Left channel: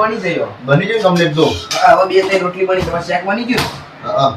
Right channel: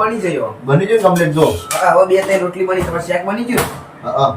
બની ગયો. બની ગયું કમ્પ્લીટ જો. હા, હવે 2-3 રોટલી બની, તમારે શાક બની ગયું. હા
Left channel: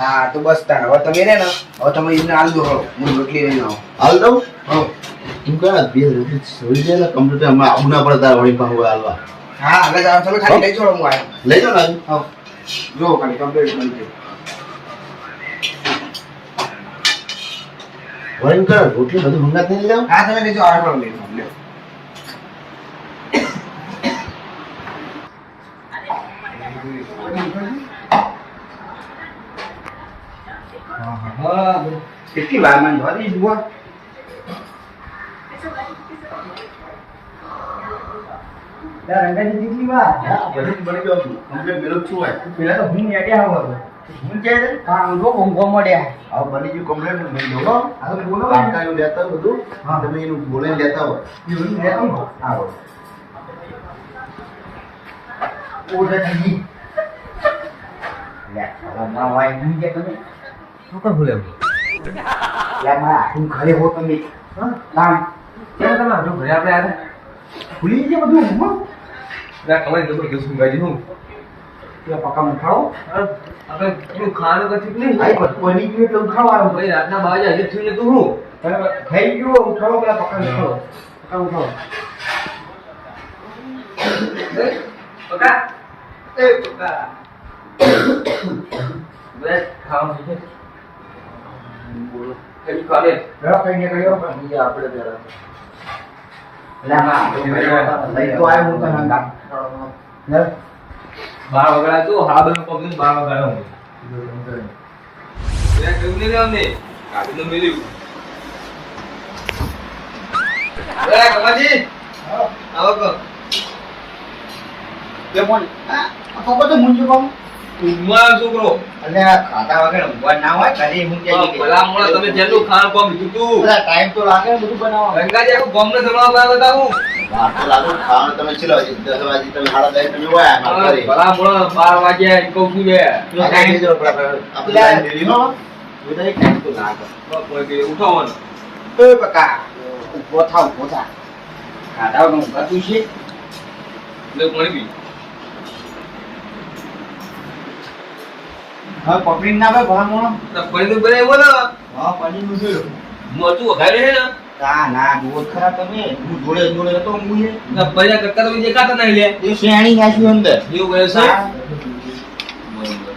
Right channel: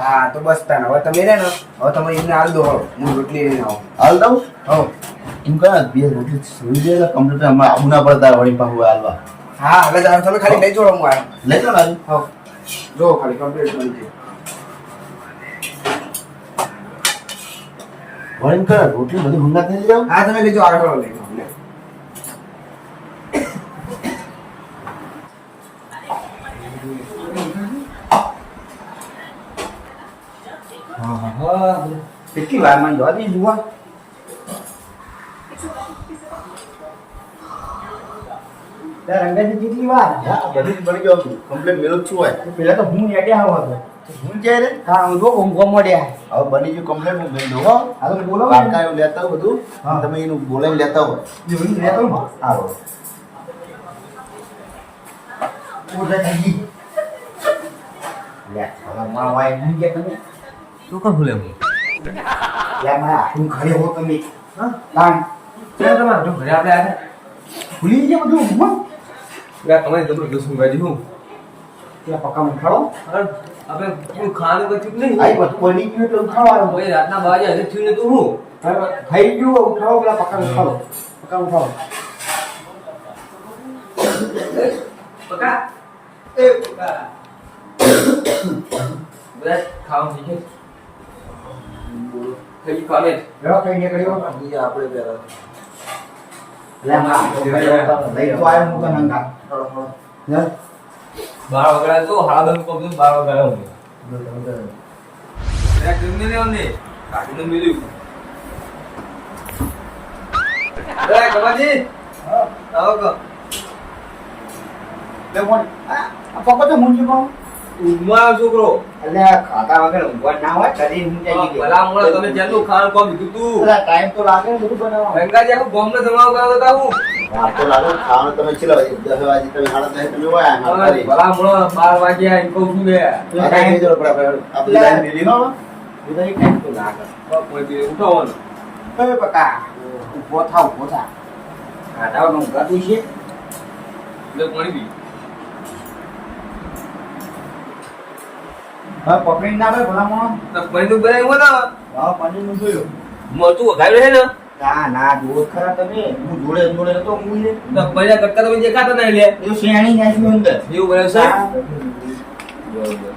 હા તો બસ તાણ હવે તમે રે ને હવે તમે એને હાલ દો હળો હું રોટલી લઈને આવું. હાલ દઉં હવ એમ કરે બે રોટલી સુઈ જાય ને કમ્પ્લીટ અમારે આવું ના પડતા વળી પાછું હાલવા. હા હવે જાઓ તમે ખાલી લઈ જાઓ હું આવ્યો. લઈ જાઓ ને હજુ. હવ જો ખાલી કમ્પ્લીટ બની ગયું. વળી એમ કરે રોટલી બધી ઊંઘા થઈ જાવ. હા તમે લઈ જાઓ આગળ લઈ જાઓ લ્યો. કેટલી વાર માં જોવા દઈ જુઓ. રંગાજી કેટલી વાર હા બધું જ બની ગયું કમ્પ્લીટ મેલું જ છું હોય. પેલા તો હું નેટ્યા આવો હતો. હું જાય રે હા જો ઊંઘવા મળ્યા. હવે બની ગયું કમ્પ્લીટ હું મેં દો આ તો બોલો કાકા એવું લેતા હોય બધું. હા. તમે એનું બોલાઈને લેતા હોય. એવું લેતો હું આવો ઓઢાજી લે હવે માં વાય નહીં કે તમે તું કોણ ભૂલે હું લે માં તું ઘરે હો તમે હા તાણ ક્યાં તમારે જો ઘરે આપણે આને ભૂલી ગયા બધું હું પેલા કમાઈ તો બધું શું ગાજી હું ત્યાં પક્કા ઉઠાડો આપણે થોડું ખાવાનું કચ્યું નહીં આઈ બધું બની ગયું એટલે ઉઠાડવાનું ભાઈ રાતના 12 વાગે થયું ને તું હું થઈ ગયું ઉઠાડો પેલા પક્કા ઉઠાડો પક્કા ઉઠાડો પકા એ પકા બસ ખાવાનું થઈ ગયું બોલો થઈ કાલે રેડો કઈ નીકળ્યો બીજા આપણે જરા લે માં લઈ તો આવ્યો હું તને ગાત લે 12 વગડા તો હા બધું કમ 12 વગડા હું મેં કેવું નહીં આવને કાઢીને મિલ્યું એ કમાજી આવો કો લે મોન આ પપ્પા તો મુંજી કોમ ઉમા છોકરો એટલે આ ખાતા વગર ઊંઘવા ના હોય કદી હું જઈ ગઈ ભલા મોળા તમે જેટલું ખાવાનું કોમ લીધું તું પેલા ટાઈમ તો લાગે ને બધું બનાવવા ગંગાજી આખું ગામને જમવા બનાવતા હું આ તો લાગો ખાવાનું તમે ચલો 10 વાગે તમે 10:30 તમે હોય અમાર ઘરે. ભલા મોળા 12 વાગ્યા એમ કહું છું લે આ કઈ દેજો આપણે લાઈન લીધી હો. બધાય ટાઈમ તો લાગે કોઈ કે ઉઠાવવાનું એ બકા ઉભો થા ખાટાનું ઊંઘાતું છે લે પાણી પી હા પકડીને ના આવે ભલા મોણો ના પાણી તો બનાવ્યો ને હા પાણી નું જોયું મોટું વઘાર્યું છે ને ના ના દોડ ખરા તમે હું જોડે જોડે તો હું તો બજા કરતા તમે દેખાતા નહીં લે એ શેણી નાખ્યું અંદર એવું વ્યવસાય બરોબર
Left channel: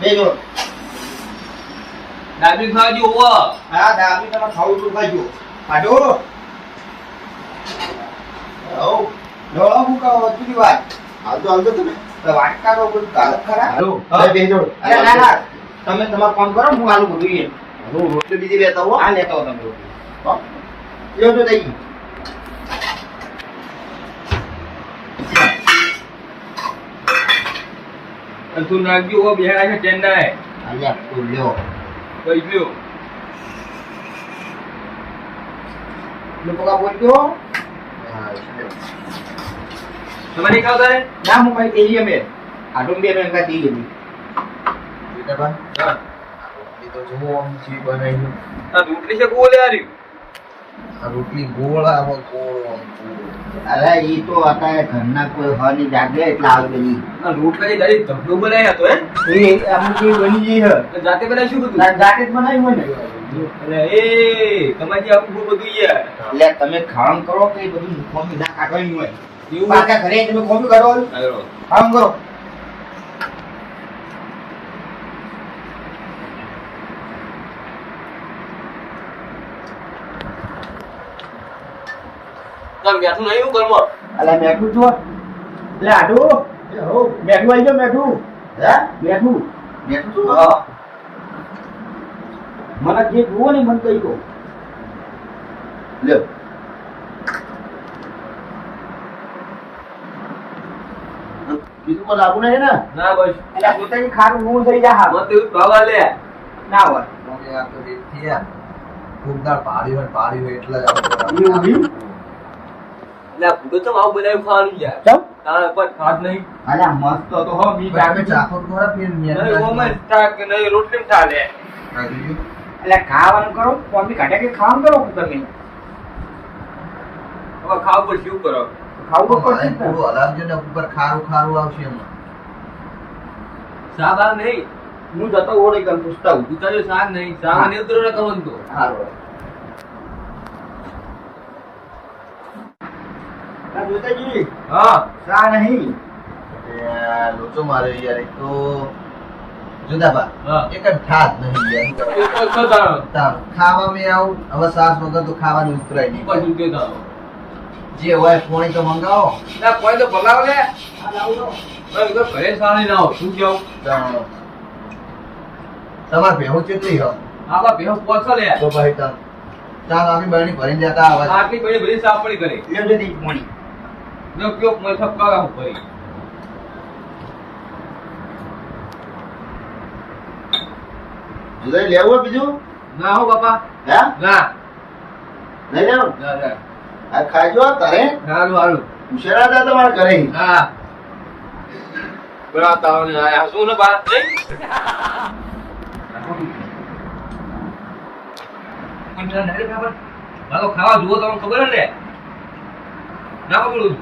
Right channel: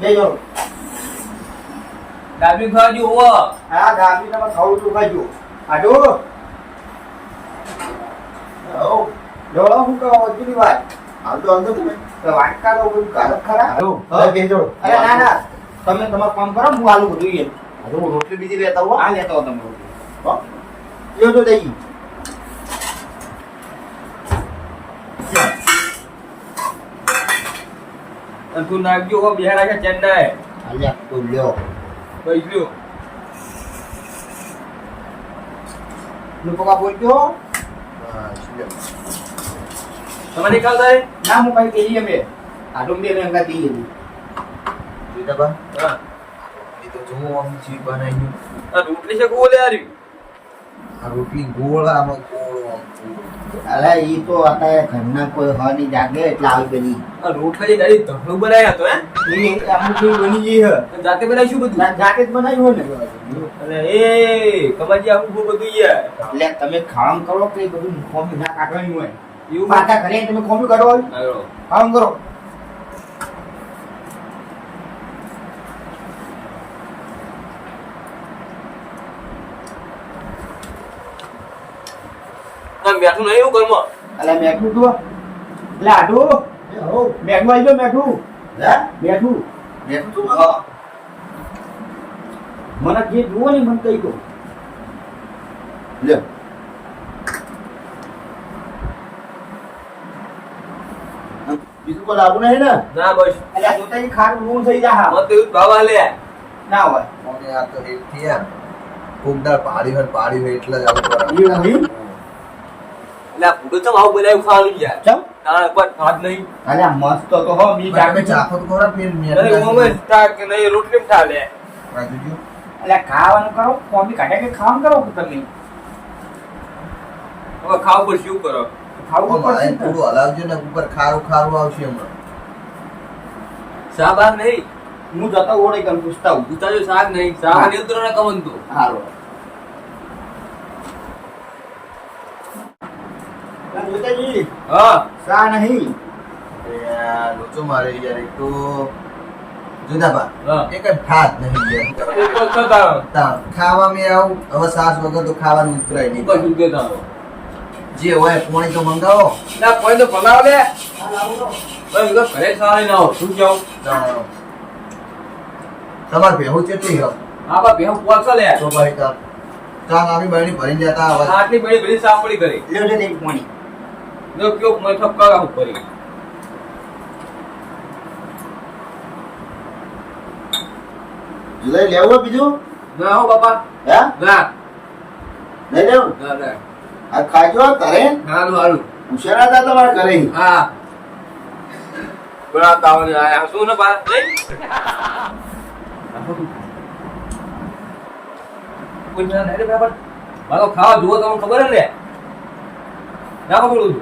બેજો દાબી ખાજો ઓવા હા દાબી તમે ખાવું તો ખાજો આડો ઓ ડોળો હું કહો કેટલી વાર હાલ તો તમે તો વાટકા તો બધું કાલો ખરા હાલો હવે બેજો. અરે ના ના તમે તમારું કામ કરો હું આલુ બધું એ હું રોટલી બીજી લેતા હો. આ લેતા હો તમે રોટલી. લ્યો તો દઈ અને તું નાખજો હો બિહાર છે ચેન્નાઈ આયા તો લ્યો કઈ ગયો લોકો બોલજો હા એટલે તમારે ખાવતા રે ના હું કઈ કહીએ અમે આટો બે નો એકા દઈએ બેટા બા હા એ તો જો આમ છે બનાવી આ રોટલી છે ગોલે આરી આ રોટલી ગોળ આમાં ગોળ આમ અરે ઈ તો અત્યારે ઘરના કોઈ હની જાગે એટલે આવી બની આ રોટલી દાડી ધંધો બનાવ્યા હતો હે એ અમુક જેવી બની ગઈ હે તો જાતે બનાવી શું બધું જાતે જ બનાવ્યું હોય ને અને એ કમાજી આખું બહુ બધું યાર એટલે તમે ખાવાનું કરો કે એ બધું ખોમી ના કાઢવાની હોય એવું પાછા ઘરે તમે ખોમી કાઢો આવ્યો ખાવાનું કરો તમે બેઠું નહીં એવું ઘરમાં અલે મેઠું તો એટલે આડું મેઠું આવી ગયો મેઠું હે મેઠું નેટું તો હા મને જે જુઓ ને મને કહી દો લ્યો બીજું કોઈ લાવવું નહીં ને ના બસ એટલે હું તો ખારું હું થઈ જા હા મત એવું ભાવા લે ના હોય અમે આ તો એક થયા કોકદાર પાડી હોય એટલે જ આવું એવું નહીં? એટલે આ ભૂડો તો આવું બનાવ્યું ખાવાનું યાર ચમ તારા કોઈ ભાત નહીં અલે મસ્ત તો હો મી આપણે ચાખો તો ખરા ફેર નહીં ઓમન તાક નહીં રોટલી થા લે એટલે ખાવાનું કરો તો અમે કાઢે કે ખાવાનું કરો તમે હવે ખાવ પર શું કરો ખાવું પડશે ને. થોડું હલાવજો ને ઉપર ખારું ખારું આવશે હમણાં. શાક નહીં હું જતો ઓળે કન પૂછતા હું. ઉતાર્યો શાક નહીં શાક નિયંત્રણ કમન તો હારું. આ જોતાજી, હા શા નહીં? એ આ લોચો મારે યાર એક તો જુદાબા હા. એક જ ઠાત નહીં યાર. ખાવામાં આવું હવે સાસ વગર તો ખાવાનું ઉતરાય નહીં. જે હોય પોણી તો મંગાવો. કોઈ તો ભગાવ લે ભાઈ તો ઘરે સારી ના હો શું કેવું તમારે ભેહું કેટલી હો? આ બા ભેહું પોછો લે તો ભાઈ ચાલ આવી બહેની ભરીને જતા આવે. આટલી બધી બધી સાફ પડી કરી લેવડે નહીં પાણી. જો કયો મેં ઠપકાવા હું કરી જુદાઈ લેવું હોય બીજું? ના હો બાપા હે ના નહીં લેવું? ના ના આ ખાજો તારે હાલું હાલું ઉશેરા હતા તમારા ઘરે. હા બરા તાવને આયા શું ને બા કોઈ ના ડાયરે બરાબર મારો ખાવા જુઓ તમને ખબર ને ના ખબર હતું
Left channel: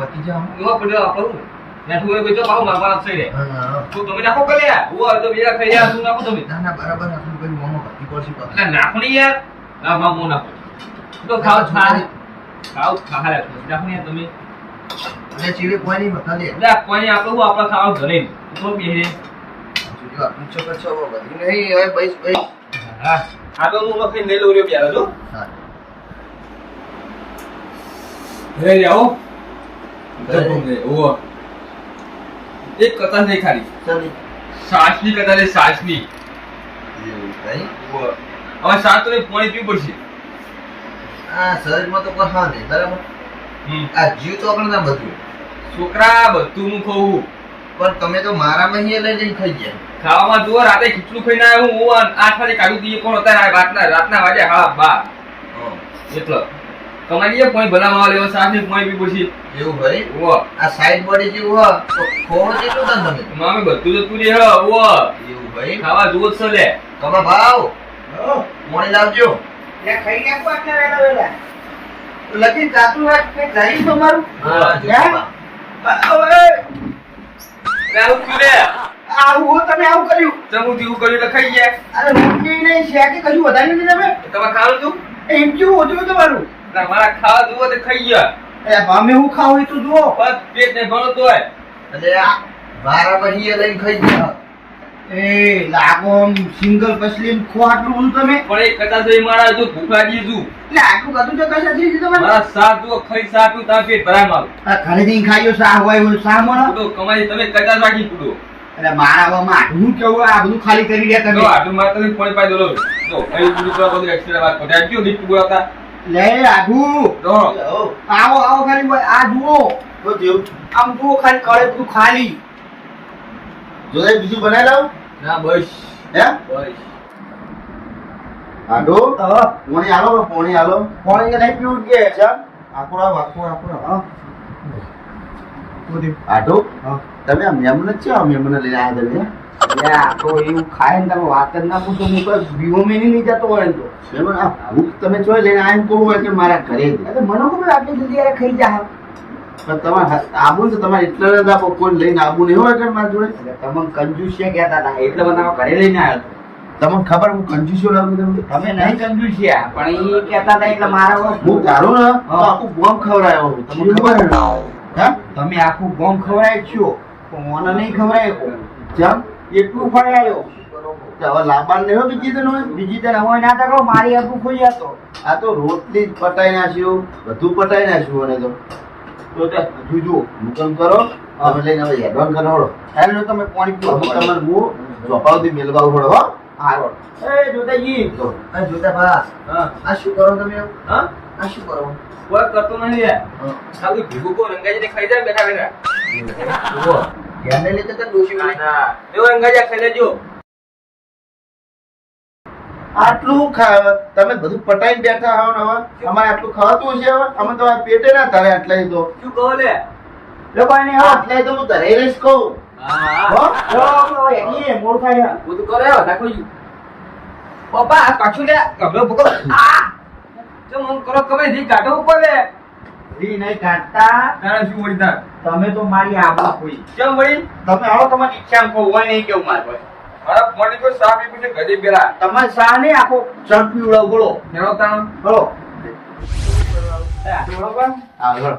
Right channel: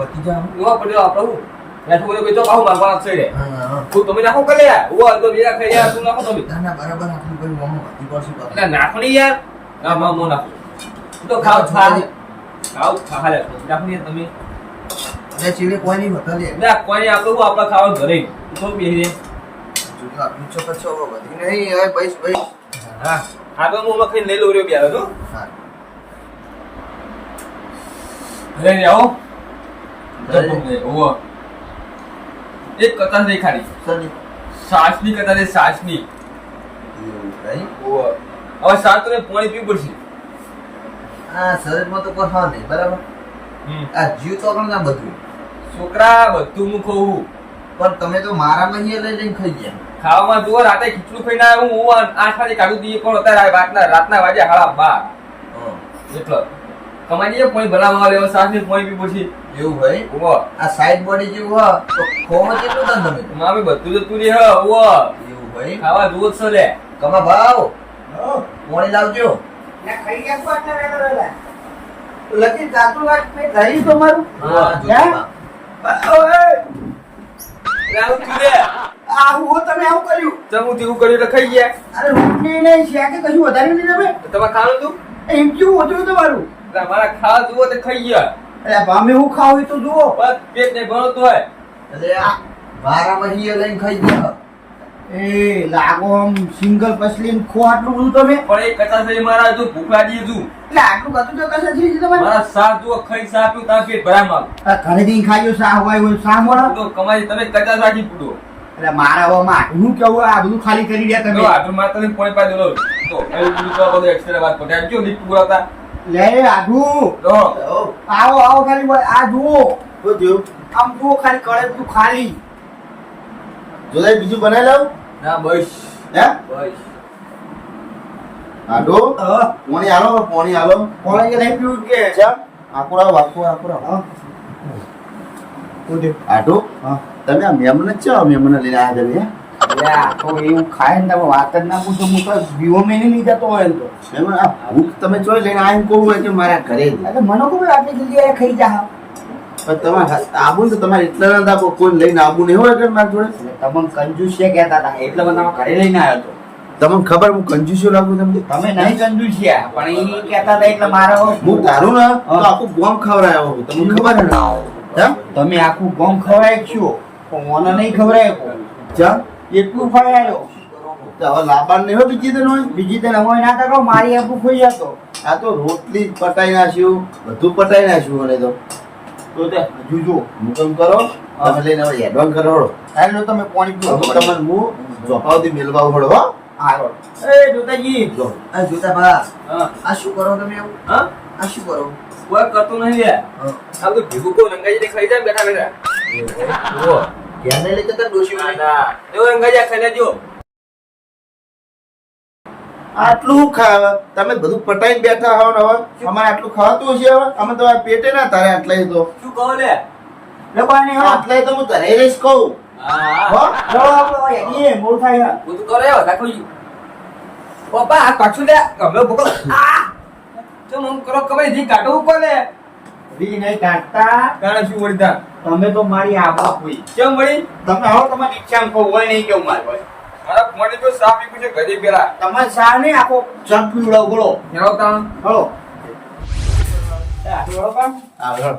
પતિ જા. એવા પડ્યો આપણું બેઠું હોય બેચો પાઉં મારવા આપશે રે હા તું તમે નાખો કરે યાર ઓ તો બીજા ખાઈ યાર તું નાખો તમે ના બરાબર આટલું કઈ મોમો પતિ પડશે પાછું. એટલે નાખો નહીં યાર ના માં મો નાખો તો ખાવ ખા લે નાખો નહીં તમે અને ચીડી કોઈ નહીં બતા લે. ના કોઈ આપણું આપણે ખાવાનું ઘરે તો બેહી ચીડી આટલું ચોક્કસ છો બધી નહીં હવે બસ બસ. હા આગળ હું લખી લઈ લઉં રહ્યો ક્યારે તો હા ઘરે આવો ઘરે. ઓવો એક કથા નહીં ખાલી ચાલી સાસની કથા છે સાસની એવું કઈ ઓવો હવે સાસ તો પાણી પીવું પડશે આ શરીરમાં તો કોઈ હા નહીં બરાબર. આ જીવ તો પણ ના બધું છોકરા બધું હું ખાઉં પણ તમે તો મારામાં અહીંયા લઈ જઈને ખાઈ ગયા. ખાવામાં જુઓ રાતે ખીચડું ખાઈને આવ્યો હું 8 વાગે કાઢું દઈએ પણ અત્યારે રાતના વાગે 12:30 એટલે કમાડીએ પોઈ ભલામાં લેવો સાસ ને પોઈ પી પછી એવું ભાઈ ઓવો આ સાઈડ બોડી જેવું હોય તો ખોવો જેટલું ના તમે. મામે બધું જતું રહે ઓવો એવું ભાઈ ખાવા જુઓ જ છે લે તમે ભાવ મોડી લાવજો. લે ખાઈ નાખો આટલા વેલા વેલા. લગી જાતું રાખ ને ઘરી તમારું. હા જો હે? બાપા. ઓય, લે આવું લે આવું તમે આવું કર્યું. ચમુ તેવું કર્યું તો ખાઈ ગયા અરે રોટલી નહીં છે કે કશું વધારે નહીં તમે. તમે ખાવાનું તું એમ કેવું હતું તમારું? મારા ખાવા જુઓ તો ખાઈ ગયા અરે અમે હું ખાવું એ તો જુઓ. બસ પેટ ને ભણો તો હોય એટલે આ મારામાં અહીંયા લઈને ખાઈ ગયા. એ લાગો આમ સિંગલ પસલી ખો આટલું બધું તમે. પણ એક કચાસ રહી મારા હજુ ભૂખા દીએ છું એટલે આટલું બધું જો કશે થઈ તમારે. મારા સાત જુઓ ખાઈ સાત પીવું તાર પેટ ભરાય મારું આ ઘરે જઈને ખાયો શાહ હોય એવું શાહ મળો. તો કમાઈ તમે કચાસ રાખી પૂરો એટલે મારા આમાં હું કેવું આ બધું ખાલી કરી રહ્યા તો તમે. આટલું મારે તમે પોણી પાઈ દો તો કઈ પૂરું કરવા બધું એક્સ્ટ્રા વાત કરે આજો દીપ પૂરાતા લે આઘુ તો આવો આવો ખાલી બોલ. આ જુઓ શું થયું? આમ જુઓ ખાલી કરે બધું ખાલી. જોદાઈ બીજું બનાવી લાવ. ના બસ હે બસ આડો હા પોણી આલો પોણી આલો. કોણે કે નહીં પીવું કે ચા આકુરા વાકુરા આકુરા. હા આડો હા તમે આ મેમને જ છો મેમને લઈને આવ્યા તમે. લે આ તો એવું ખાય ને તમે વાત જ ના પૂછો. હું તો વિવો મેની નહીં જતો હોય ને તો. મેમને આ ભૂખ તમે ચોય લઈને આવીને કહું હોય કે મારા ઘરે જ. એટલે મને ખબર આટલી જલ્દી યાર ખાઈ જા. પણ તમારે આબુ ને તો તમારે એટલા ન હતા પણ કોઈ લઈને આબુ નહીં હોય કે મારા જોડે. એટલે તમને કંજુસિયા કહેતા હતા એટલે બધામાં ઘરે લઈને આવ્યો હતો. તમને ખબર હું કંજૂસ્યો લાગુ તમને. તમે નહીં કંજુસિયા પણ એ કહેતા હતા એટલે મારા હોય. હું તારું ને તો હા. આખું બોમ્બ ખવડાયો હું. તમને ખબર ને હે તમે આખું ગોમ ખવડાય છો પણ મને નહીં ખવડાય ચા એટલું ખવડાયો. તો હવે લાબાન નહીં હોય બીજી તને હોય. બીજી તને હોય ના તો કહો મારી આટલું ખોઈ જતો. આ તો રોટલી જ પટાઈ નાખ્યું બધું પટાઈ નાખ્યું મને તો. તો તે જોજો મુકમ કરો તમે લઈને હવે એડવાન્સ કરો. હેલો તમે પાણી પીવો. અમુક તમને હું ચોપાવથી મેલવાવું પડે હો. હાલો એ જોતાજી જો આ જોતા ભલા હા આ શું કરો તમે એવું? હા આ શું કરો? કોઈ કરતો નહીં લે હા. આ બધું ભેગું કો રંગાજી ખાઈ જાય બેઠા બેઠા જુઓ, ધ્યાને લેતા હતા ડોશી વાળી. એવો રંગાજી ખાઈ લેજો આટલું તમે બધું પટાઈને બેઠા હોવ ને હવે અમારે આટલું ખવાતું હશે હવે અમે તો આ પેટે ના તારે આટલા તો શું કહો લે લોકોને હા આટલા તો હું ધરાઈ રહીશ કહું હા હો. ઓ એ મોર થાય બધું તો રહ્યો દાખલો પપ્પા આ પાછું લે ગમલો પકડો આ જો મમ કરો કમે દી કાઢો ઉપર લે રી નહીં કાઢતા તારે શું વળી તાર તમે તો મારી આબરૂ ખોઈ. કેમ વળી તમે આવો તમારી ઈચ્છા ખો હોય નહીં કેવું મારે પાસે. મારા મને કોઈ સાફ પીવું છે ઘરે પેલા તમારે સા નહીં આખો ઝડપી ઉડાવ બોલો હેરો તાણ બોલો હા, હેળ.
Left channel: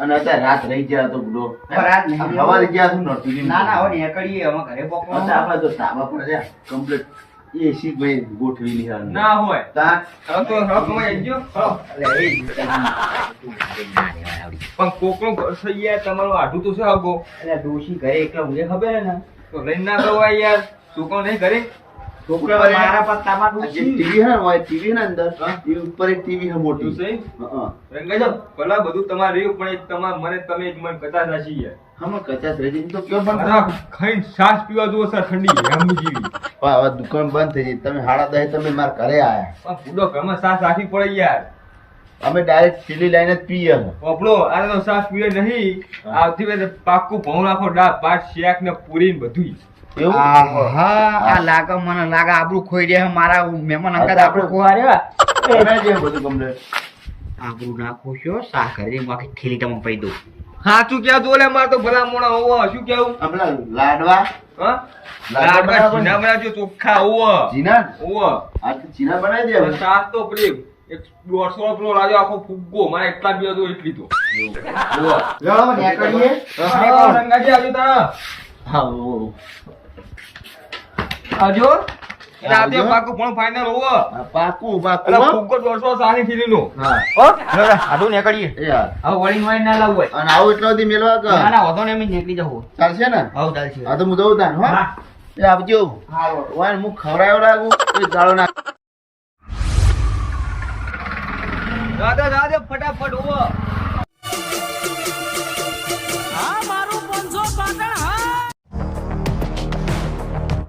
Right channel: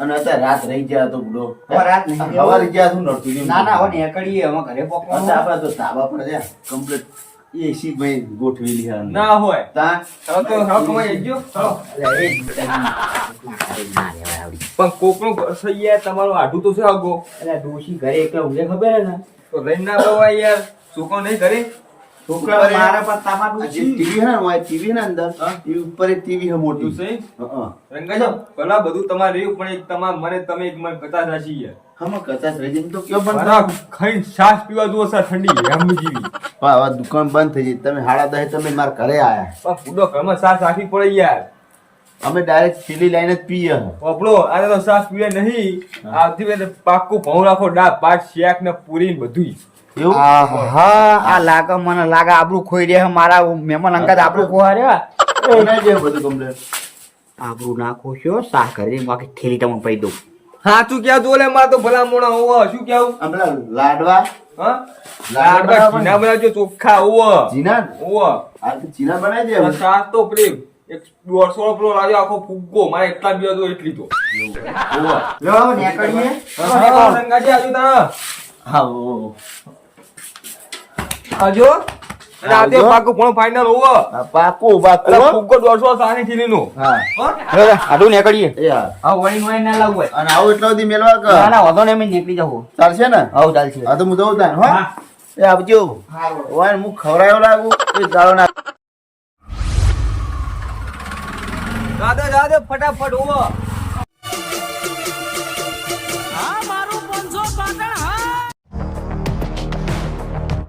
અને અત્યારે રાત રહી ગયા તો બુડો રાત નહીં. સવારે ગયા શું નડતું ના ના હવે નીકળીએ અમે ઘરે પકડો. અત્યારે આપણે તો ધાબા પર રહ્યા કમ્પ્લીટ એસી ભાઈ ગોઠવેલી છે અંદર. ના હોય તાન હવે તો હવે કમાઈ જજો પણ કોકનો ઘર થઈ યાર તમારું આઢું તો છે આગો એટલે ડોશી ઘરે એકલા ઊંઘે ખબર હે ને તો લઈને ના બવાય યાર છોકરો નહીં ઘરે છોકરા મારા પર તમારું આ જે ટીવી હે ને ટીવી ને અંદર ટીવી ઉપર એક ટીવી હે તું મોટી સહી હા રંગાજો ભલા બધું તમારે રહ્યું પણ એક તમાર મને તમે એક મને કથા સાચી યાર હમ કચાસ રહી જાય તો કયો બંધ મારા ખાઈ શ્વાસ પીવા દો સર ઠંડી રામની જેવી પણ હવે દુકાન બંધ થઈ ગઈ તમે 10:30 તમે મારા ઘરે આયા પણ પૂડો ઘરમાં શ્વાસ રાખવી પડે યાર અમે ડાયરેક્ટ પીલી લાઈને જ પીએ હે. આપણો આને તો શ્વાસ પીવે નહીં આવતી વેલે પાક્કું ભઉં રાખો દાળ ભાત શેક ને પૂરી ને બધું એવું હા આ લાગે મને લાગે આબરૂ ખોઈ રહ્યા મારા મહેમાન અંગાત આબરૂ ખોવા રહ્યા બનાવી દે બધું કમ્પ્લીટ આબરૂ ના ખોશો સા ઘરે માકે થેલી તમે પઈ દઉં હા તું ક્યાં જોલે માર તો ભલા મોણા હોવ શું કેવું આ પેલા લાડવા હા લાડવા લાડવા બનાવવા જીના બનાવજો ચોખ્ખા હોવ જીના હોવ આ તો જીના બનાવી દે હવે. શ્વાસ તો પેલી એક 150 પેલો રાજો આખો ફુગ્ગો મારે એટલા જ તો એટલી તો લો નીકળીએ હા રંગાજી આજુ તારા હા ઓ આજો આવજો. આવજો પાકું પણ ફાઇનલ હોવ પાકું પાકું પેલા હો. ફુગ્ગો 260 થીલીનો હા આડું નીકળીએ એ હા. હવે વળી વળી ના લાવવું હોય અને આવું એટલા સુધી મેલવા ના કે ના વાંધો નહીં અમે નીકળી જાઉં ચાલશે ને આવું ચાલશે હા તો હું જઉં તાન હો હા. એ આવજો વાય હું ખવડાયો લાગુ એ ગાળો ના દાદા દાદા ફટાફટ હોવ આમાં